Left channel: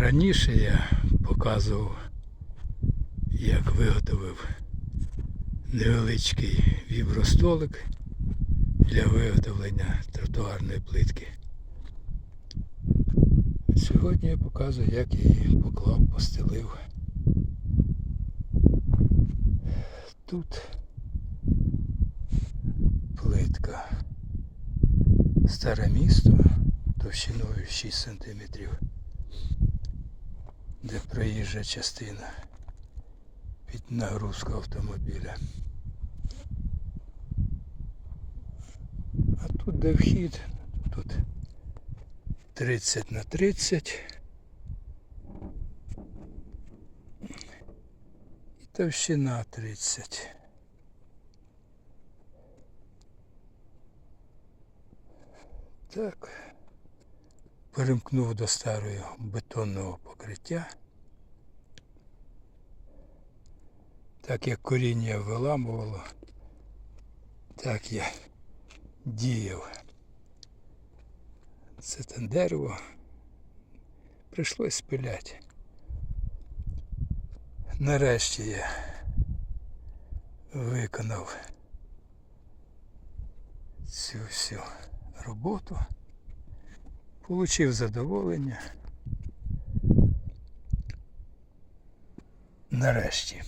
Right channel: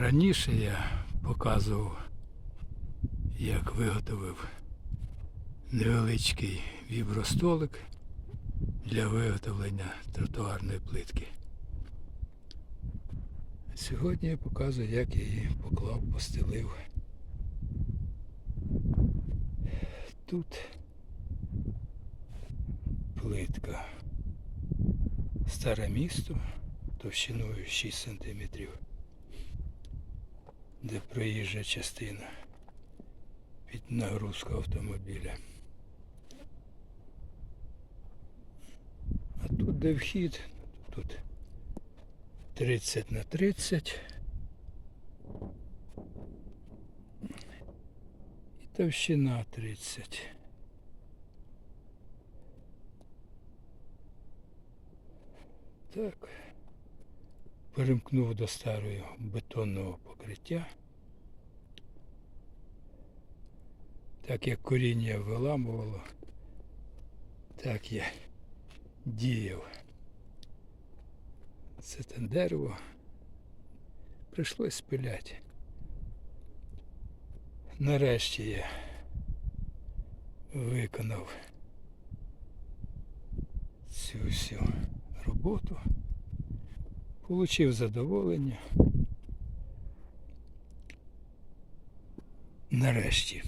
Раніше я показував, як виготовив невеличкий вібростолик для виготовлення тротуарної плитки. Сьогодні я показую, як я її поклав, постелив. Тут плитка. Старе місто товщиною 6 см, де проїжджа частина під нагрузку автомобіля. А тут де вхід, тут 30 на 30. І товщина 30. Так. Перемкнув до старого бетонного покриття. Так як коріння виламувало, так я діяв. Це те дерево. Прийшлось спиляти. Нарешті я виконав цю всю роботу. Получив задоволення. Нарешті.